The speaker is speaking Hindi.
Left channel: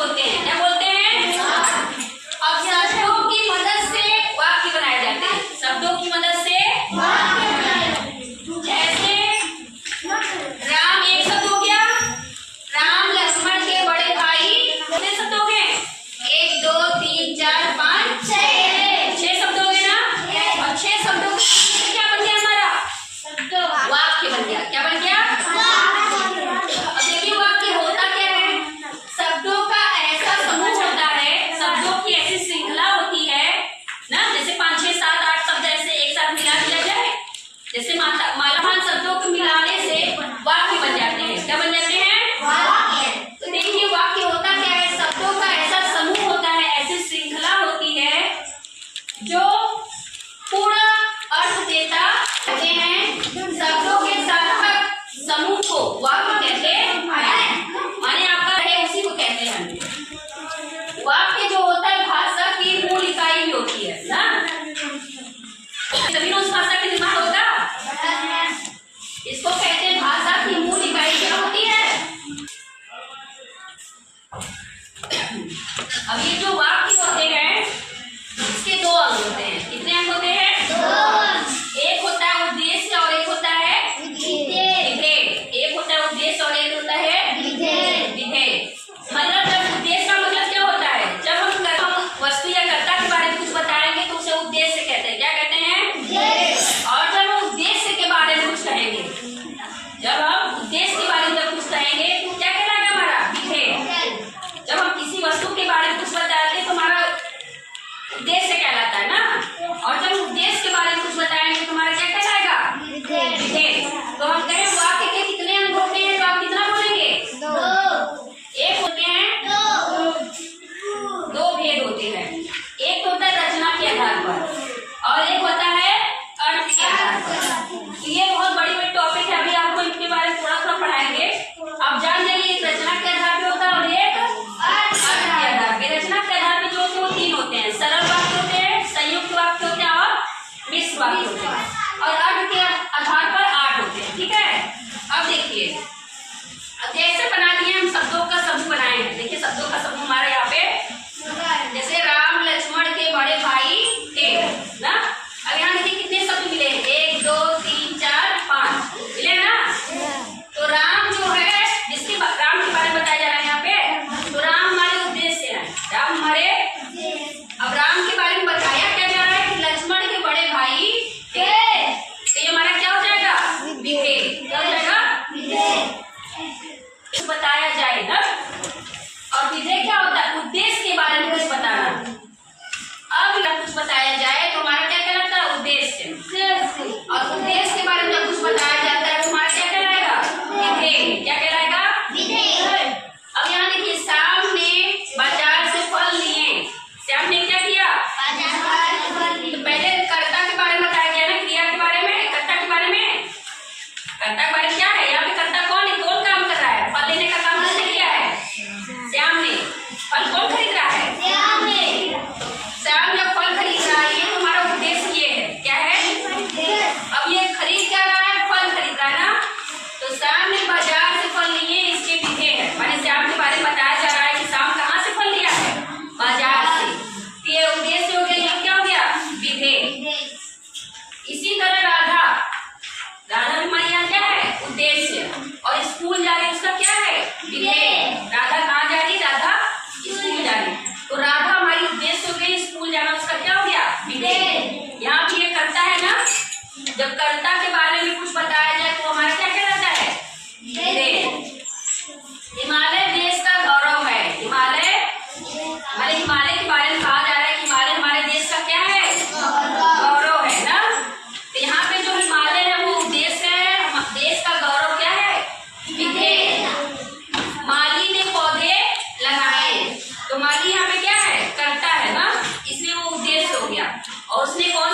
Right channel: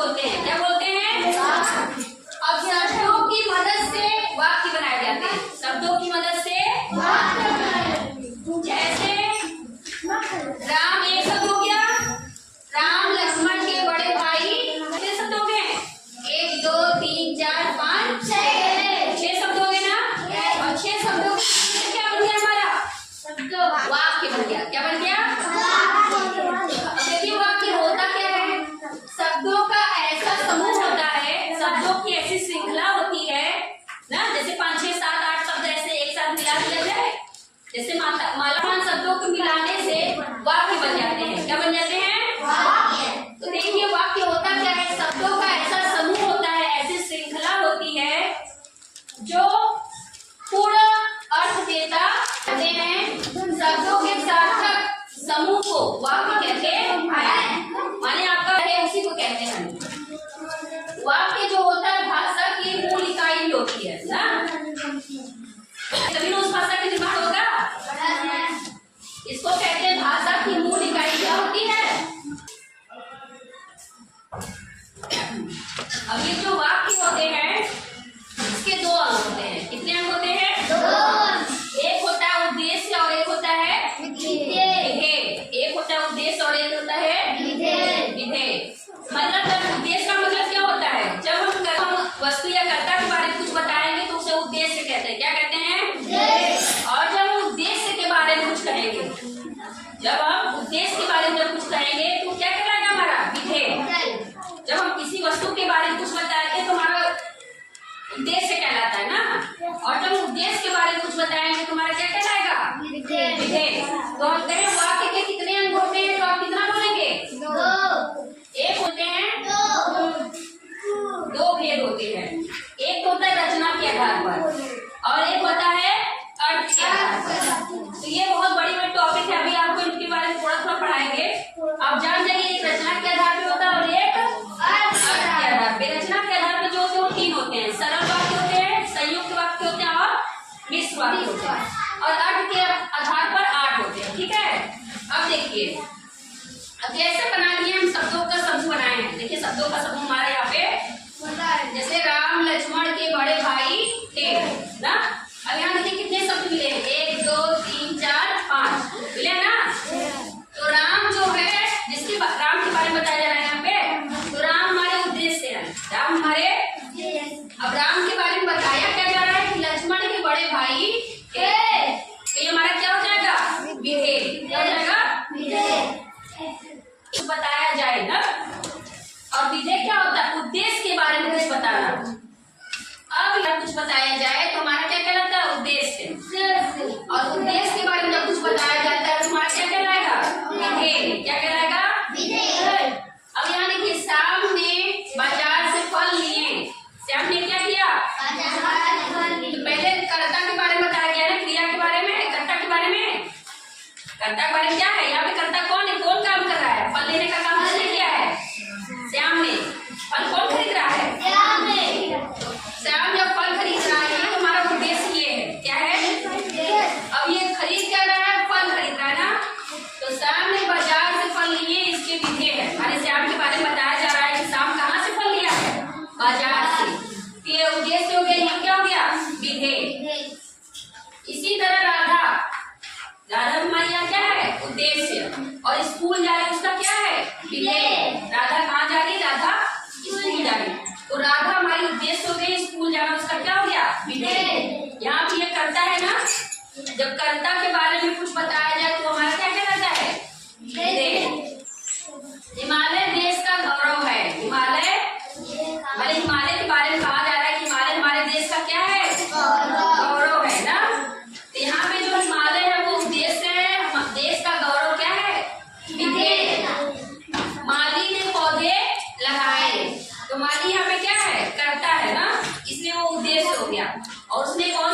बोलते हैं। क्या बोलते हैं? अब शब्दों की मदद से वाक्य बनाए जाते हैं। शब्दों की मदद से जैसे राम एक शब्द हो गया, राम लक्ष्मण के बड़े भाई कितने शब्द हो गए? 1 2 3 4 5 6 शब्द हो गए ना। और 6 शब्दों से क्या बन गया हमारा? वाक्य बन गया। क्या बन गया? अब देखिए वाक्य होता क्या है? शब्दों का ऐसा समूह होता है, शब्दों की ऐसी श्रृंखला होती है ना, जैसे 5 6 7 8 शब्द ऐसे एक साथ मिला दिया जाए, जैसे मालामाल शब्दों को मिलाने से वाक्य बन जाते हैं। क्या बन जाते हैं? तो देखिए वाक्य होता क्या है? शब्दों का ऐसा समूह होता है, ऐसी श्रृंखला होती है जो पूरा अर्थ देता हैं। शब्दों के सार्थक समूह को वाक्य कहते हैं। माने आपका है उसी को कहते हैं। वाक्य जो होता है भाषा की मूल इकाई भी होती है ना, तभी उस भाषा का निर्माण होगा। इसको कहते हैं भाषा की मूल इकाई क्या होती है? अब ये जो वाक्य होते हैं इसके 2 अंग होते हैं। कितने अंग होते हैं? 2। एक होता है उद्देश्य और एक होता है विधेय। एक होता है उद्देश्य और एक होता है विधेय। मतलब जब उद्देश्य का मतलब क्या होता है? जब हम वस्तु या कर्ता के बारे में कुछ बताएंगे तो उसे उद्देश्य कहते हैं। क्या कहते हैं? और जब हम उद्देश्य के बारे में कुछ कहेंगे, जब हम उद्देश्य के बारे में कुछ कहेंगे तो क्या कहलाएगा? हमारा विधेय। जब हम किसी वस्तु के बारे में कुछ बताते हैं तो हमारा उद्देश्य कहलाता है ना, और जब उद्देश्य के बारे में कुछ बताएंगे तो हमारा क्या कहलाएगा? विधेय। तो हम कहें वाक्य के कितने अंग होते हैं तो आप कितना बोलेंगे? 2। एक होते हैं 2 भेद होते हैं। एक होता है रचना के आधार पर और एक होता है अर्थ के आधार पर। तो ये बहुत बड़ी बड़ी टॉपिक है, अभी आपको इनके बारे में थोड़ा थोड़ा पढ़ाएंगे। आप जान जाइए एक रचना के आधार पे होता है और एक अर्थ के आधार पे। रचना के आधार पे जो होते हैं वो 3 होते हैं। सरल वाक्य होते हैं, संयुक्त वाक्य होते हैं और मिश्र वाक्य होते हैं। और अर्थ के आधार पर 8 होते हैं। ठीक है, अब देखिए, अब जैसे बना दिए हम शब्दों का समूह बनाए हैं। देखिए शब्दों का समूह हमारे यहाँ पे जैसे राम लक्ष्मण के बड़े भाई थे ना। अब यहाँ देखिए कितने शब्द मिले हैं? 1 2 3 4 5 मिले ना। तो राम जो है, जिसके राम के बारे में बताया जा रहा है यहाँ पे, तो राम हमारे उद्देश्य है। राम हमारे, अब राम के बारे में बताया क्या जा रहा है कि लक्ष्मण के बड़े भाई थे। तो ये हमारा क्या हो जाएगा? विधेय। क्या हो जाएगा? बताया जाए ना। और विधेय क्या होता है? उद्देश्य के बारे में कुछ बताना। अब जब कुछ बताया जाए तो हमारा क्या कहलाता है? उद्देश्य। और उद्देश्य के बारे में जब कुछ बताया जाता है तो हमारा क्या कहलाएगा? विधेय। क्या कहलाएगा? विधेय। अब यहाँ देखिए, श्याम ने बाजार से फल लिए। श्याम ने क्या किया? तो पहले कर्ता के बारे में बताया गया ना, क्रिया के बारे में, कर्ता के बारे में। कर्ता के बारे में क्या है? यहाँ पे कर्ता कौन है? कौन काम कर रहा है? फल लेने का काम किसने किया है? श्याम ने। फल कौन खरीद रहा है? श्याम ने। श्याम जब फल खरीद रहा है, ये तो हमारा उद्देश्य ये है। क्या है? अब ये खरीद क्या रहा है? फल खरीद रहा है ना। तो श्याम ने बाजार से फल लिए, इसके विधेय है। माने श्याम के बारे में बताया जा रहा है कि श्याम कहाँ से फल लिया है? बाजार से। ये उद्देश्य हो गया, ये क्या हो गया? विधेय। इसी तरह राधा हमारे यहाँ क्या है? उद्देश्य। और स्कूल जा रही है, उसका क्या है? विधेय। राधा कहाँ जा रही? राधा स्कूल जा रही। तो राधा हमारी उद्देश्य हो गई, स्कूल जाना उसका क्या हो गया? विधेय। यहाँ पे ये कर्ता है ना, जब कर्ता के बारे में कुछ बताया जाए तो हमारा क्या कहलाता है? विधेय। हिमालय देश का गौरव है। हिमालय के बारे में कहा जा रहा है कि हिमालय हमारे देश का क्या है? गौरव है ना। तो यहाँ पे जो हिमालय है वो उद्देश्य है, देश का गौरव क्या है? विधेय। माली ने पौधे लगाए, तो माली यहाँ पे क्या है? कर्ता है ना, इसलिए वो उद्देश्य हो गया। और उसने कौन